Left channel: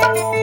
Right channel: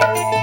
ఆ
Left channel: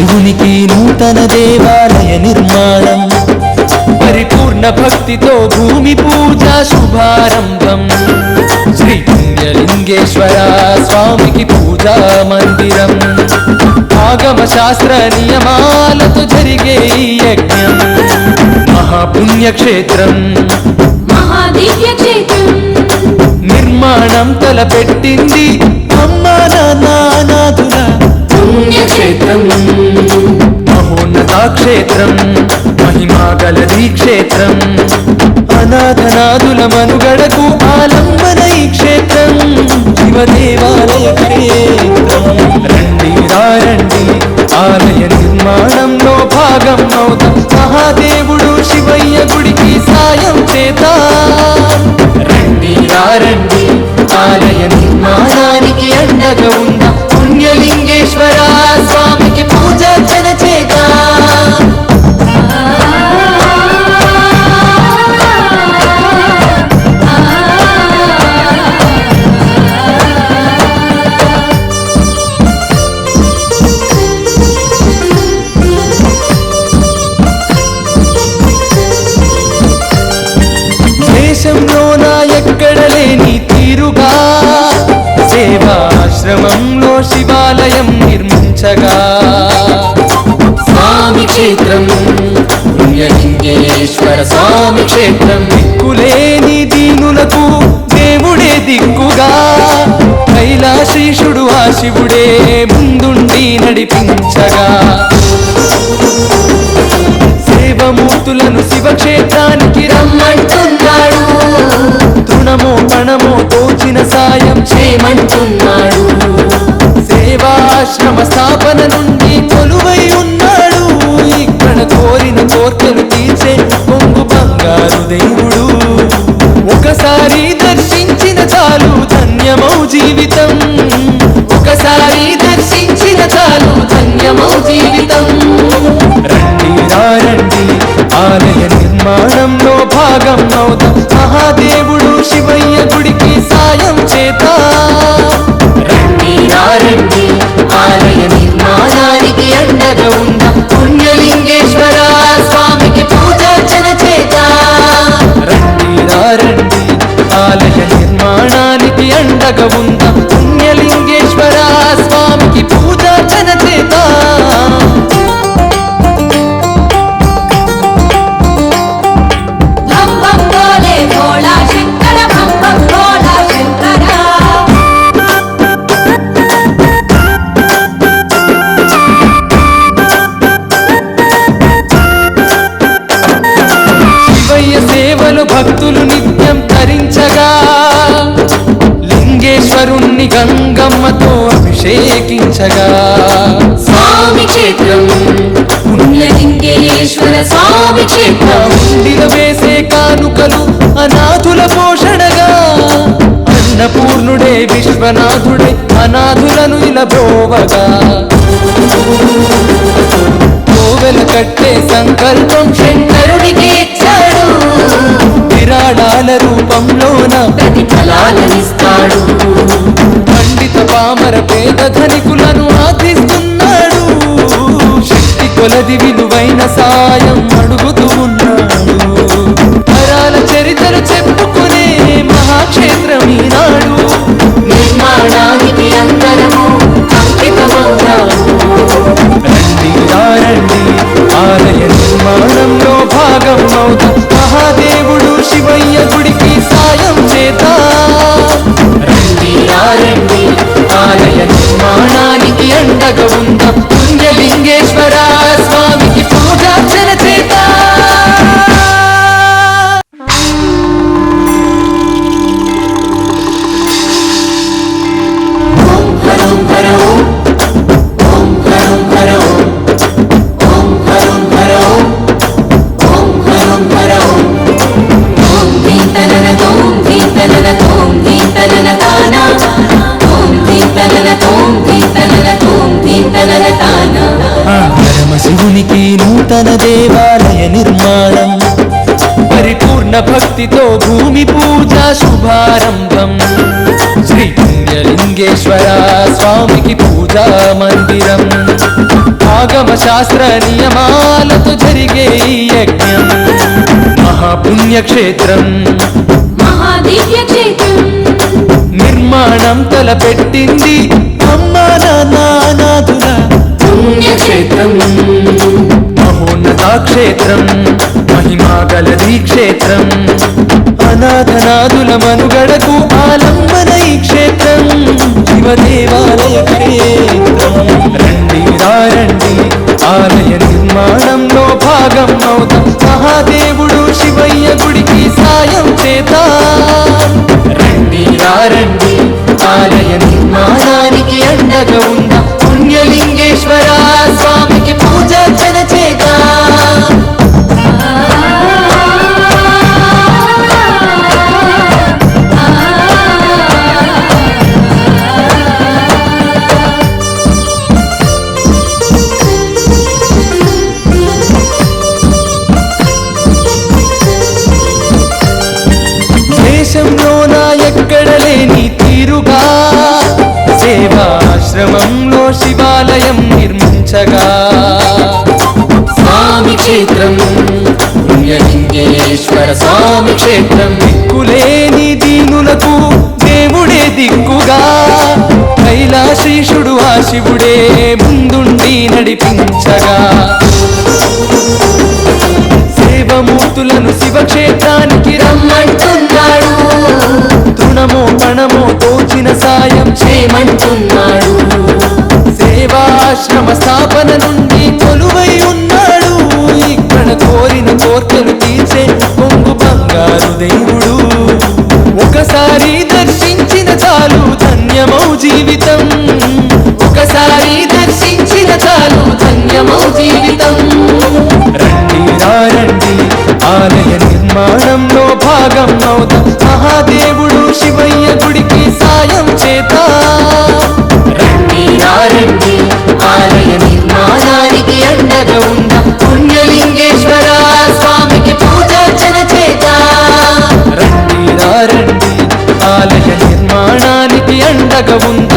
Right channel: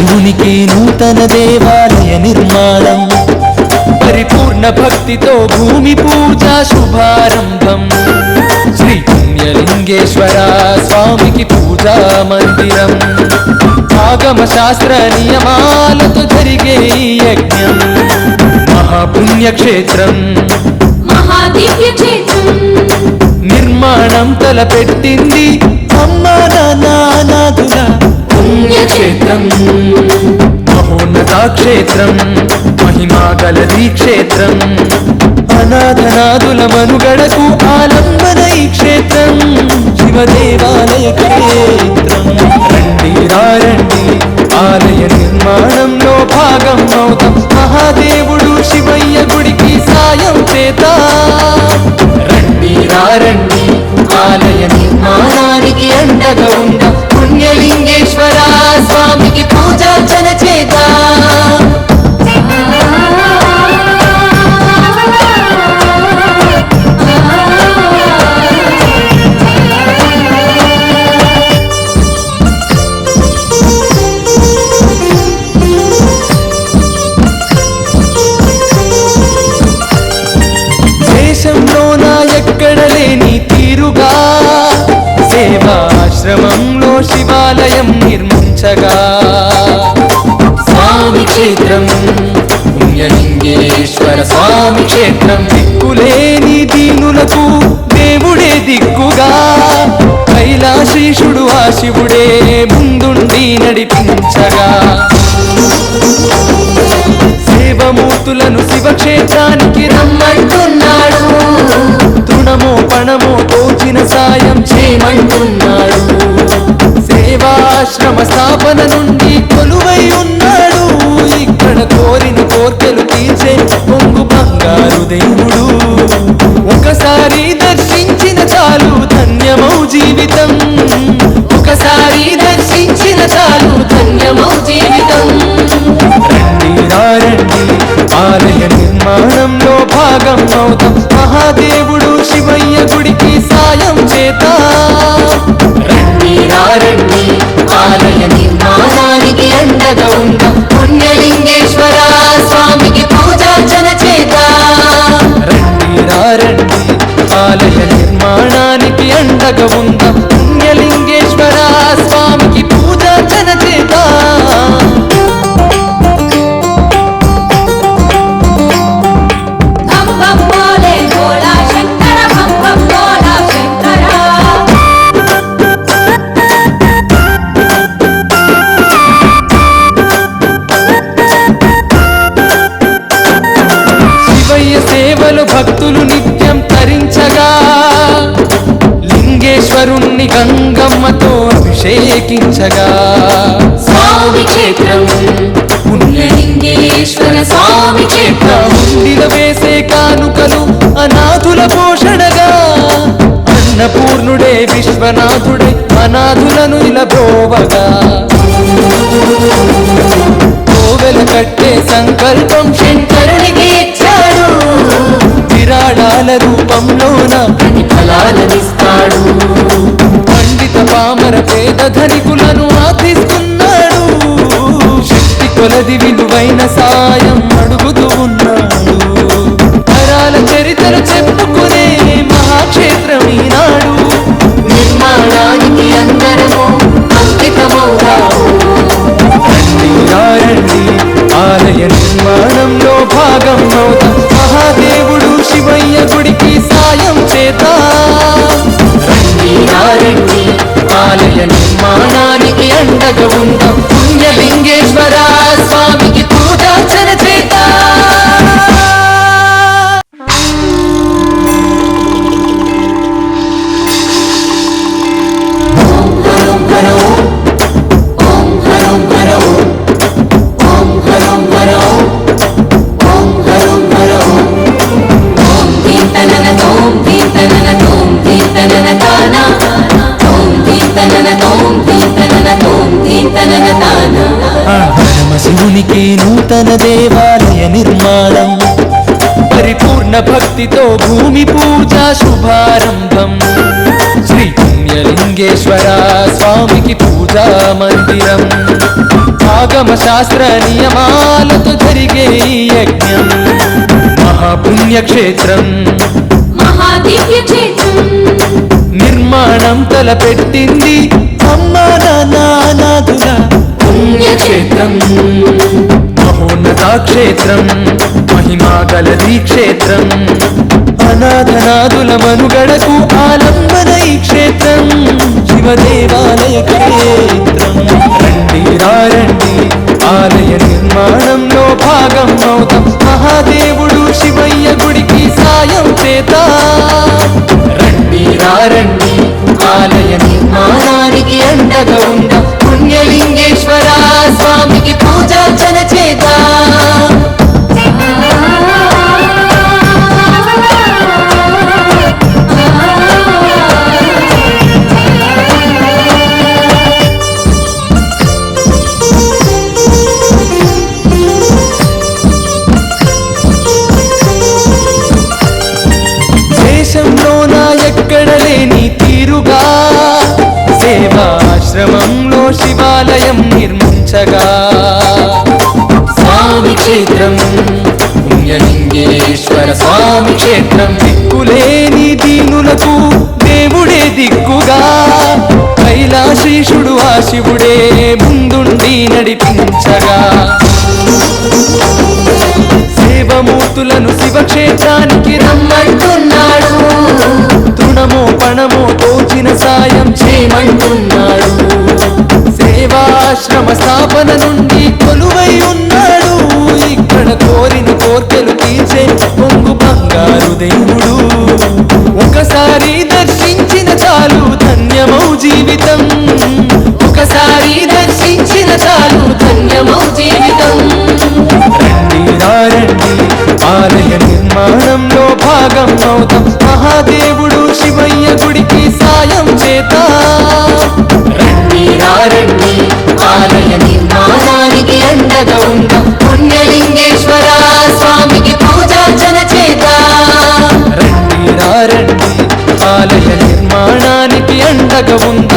పరమశివునికి నూతన దేవాలయ నిర్మాణం పరిపూర్ణ భక్తితో భూమి పూజ శుభారంభం. శ్రీ పుణ్యలింగేశ్వర స్వామికి పూజా మందిరం. ఆగమ శాస్త్ర నియమాలతో జరిగే యజ్ఞం. మహాపుణ్యక్షేత్రం. నిర్మాణం తలపెట్టింది అమ్మా నానాథుల పుణ్యక్షేత్రం మహోన్నతాక్షేత్రం మహిమాగలదీ క్షేత్రం. అనాథనాథుల మనుగడకు ఆలంబన ఈ క్షేత్రం శివదేవాలయ క్షేత్రం. రండి రండి ఆలయ నిర్మాణంలో భాగం అవుతాం. మహాదేవుడు శివయ్య గుడికి సాయం చేత. రండి రండి ఆలయ నిర్మాణానికి అండగా ఉందా. పుణ్యలింగ పుణ్యలింగేశ్వర స్వామికి పూజార్చన దేశంలో నా ఎక్కడ లేని తీరుగా? సేవా ఆశ్రమంలో శివాలయం నిర్మించగా. స్వామి క్షేత్రం పుణ్యలింగేశ్వర స్వామి క్షేత్రం దిక్కులేని దీనులకు దేవుడే దిక్కుగా. కైలాశీషుడు ఆ శివుడే ముందుండి నడిపించగా. సేవమూర్తులను శివక్షేత్రానికి రమ్మంటున్నాడు. రుణమో పణమో తోచిన సాయం చేయమంటున్నాడు సేవాశ్రమ స్థాపన నుండి కొలువై ఉన్నాడు. ఇక్కడ కోరిన కోర్కెలు తీర్చే కొంగు బంగారు దేవుడు. ఒకసారి దర్శించిన చాలు ధన్యమౌ జీవితం. ఒకసారి దర్శించిన చాలు ధన్యమౌ జీవితం. రండి రారణి ఆలయ నిర్మాణంలో భాగం అవుతాం మహాదేవుడు శివయ్య గుడికి సాయం చేత రండి రండి ఆలయ నిర్మాణానికి అండగా ఉంద. పుణ్యలింగేశ్వర స్వామికి పూజార్చన చేత రండి రండి ఆలయ నిర్మాణానికి అండగా ఉంద. పుణ్యలింగేశ్వర స్వామికి సేవలు భక్తులు నిత్యం తరించగా. లింగేశ్వరుణ్ణి గంగమ్మతో అభిషేకించగా. స్వామి క్షేత్రం. పుణ్యలింగేశ్వర స్వామి క్షేత్రం. ఉండిల వేసే కానుకలు అనాథుల పోషణగా. అన్నపూర్ణుడే విశ్వనాథుడై అనాథులను ఇలా బ్రోవగా. కోవెల కట్టే సంకల్పం శంకరునికి ఇచ్చాడు రూపంలోన ప్రతిఫలాలనిస్తాడు పండిత పామర పేద ధనికులను ఆధిస్తున్నాడు శక్తి కొలది విలువైన సాయం అడుగుతూ ఉన్నాడు. తరాల చరిత్రలు చెప్పుకునే మహాక్షేత్రం ఈనాడు. నిర్మాణానికి అందరము అంకితమవుతాము రండి రండి ఆలయ నిర్మాణంలో భాగం అవుతాం మహాదేవుడు శివయ్య గుడికి సాయం చేత. రండి రండి ఆలయ నిర్మాణానికి అండగా ఉందాం. పుణ్యలింగేశ్వర స్వామికి పూజార్చన శివునికి నూతన దేవాలయ నిర్మాణం. పరిపూర్ణ భక్తితో భూమి పూజ శుభారంభం. శ్రీ పుణ్యలింగేశ్వర స్వామికి పూజా మందిరం. ఆగమ శాస్త్ర నియమాలతో జరిగే యజ్ఞం. మహాపుణ్యక్షేత్రం. నిర్మాణం తలపెట్టింది అమ్మా నానాదుల పుణ్యక్షేత్రం మహోన్నతా క్షేత్రం మహిమా గలది క్షేత్రం. అనాథనాథుల మనుగడకు ఆలంబన ఈ క్షేత్రం శివదేవాలయ క్షేత్రం. రండి రండి ఆలయ నిర్మాణంలో భాగం అవుతాం. మహాదేవుడు శివయ్య గుడికి సాయం చేత. రండి రండి ఆలయ నిర్మాణానికి అండగా ఉందా. పుణ్యలింగేశ్వరా ఎక్కడ తీరుగా. సేవాశ్రమంలో శివాలయం నిర్మించగా. స్వామి క్షేత్రం పుణ్యలింగేశ్వర స్వామి క్షేత్రం. దిక్కులేని దీనులకు దేవుడే దిక్కుగా. కైలాశీషుడు ఆ శివుడే ముందుండి నడిపించగా. సేవమూర్తులను శివక్షేత్రానికి రమ్మంటున్నాడు. రుణమో పణమో తోచిన సాయం చేయమంటున్నాడు. సేవాశ్రమ స్థాపన నుండి కొలువై ఉన్నాడు. ఇక్కడ కోరిన కోర్కెలు తీర్చే కొంగు బంగారు దేవుడు. ఒకసారి దర్శించిన చాలు ధన్యమౌ జీవితం. ఒకసారి దర్శించిన చాలు ధన్యమౌ జీవితం. రండి రండి ఆలయ నిర్మాణంలో భాగం అవుతాం మహాదేవుడు శివయ్య గుడికి సాయం చేత. రండి రండి ఆలయ నిర్మాణానికి అండగా ఉంద. పుణ్యలింగేశ్వర స్వామికి పూజార్చన చేత రండి రండి ఆలయ నిర్మాణానికి అండగా ఉంది